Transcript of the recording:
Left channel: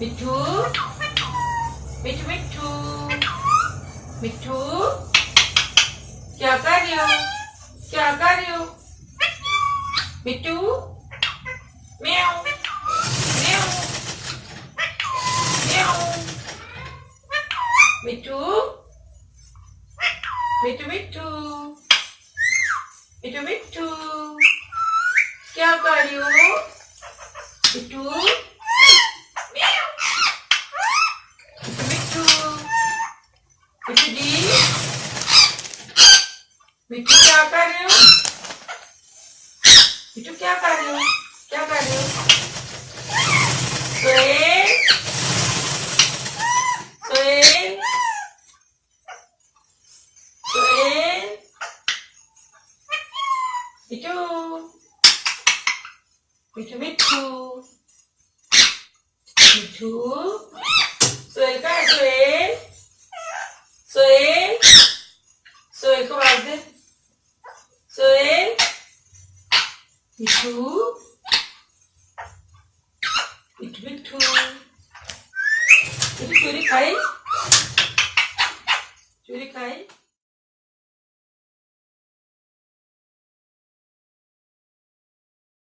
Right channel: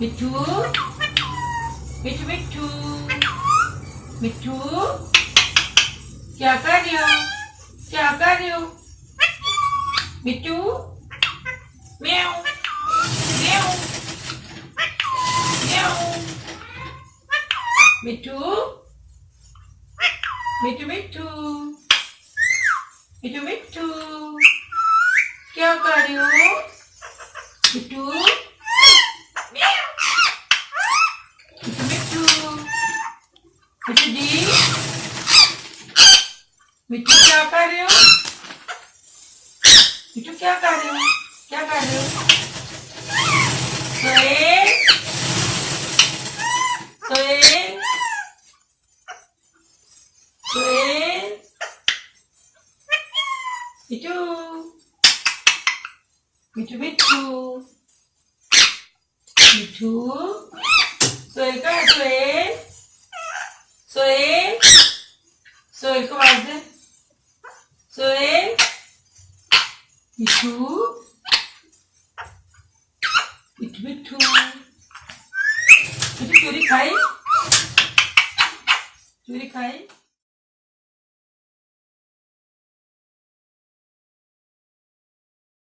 मिठू मिठू मिठू मिठू क्या कर रही हो? क्या कर रही हो? मिठू म्याऊ म्याऊ म्याऊ मिठू मिठू मिठू मिठू मिठू क्या कर रही हो? मिठू म्याऊ मिठू मिठू जी मिठू क्या कर रहे हो? मिठू क्या कर रहे हो? क्या कर रहे हो? सोए सोए सोए मिठू मिठू मिठू मिठू सोए का सोए सोए सोए को आवाज दे सोए मिठू मिठू मिठू मिठू चोरी खाई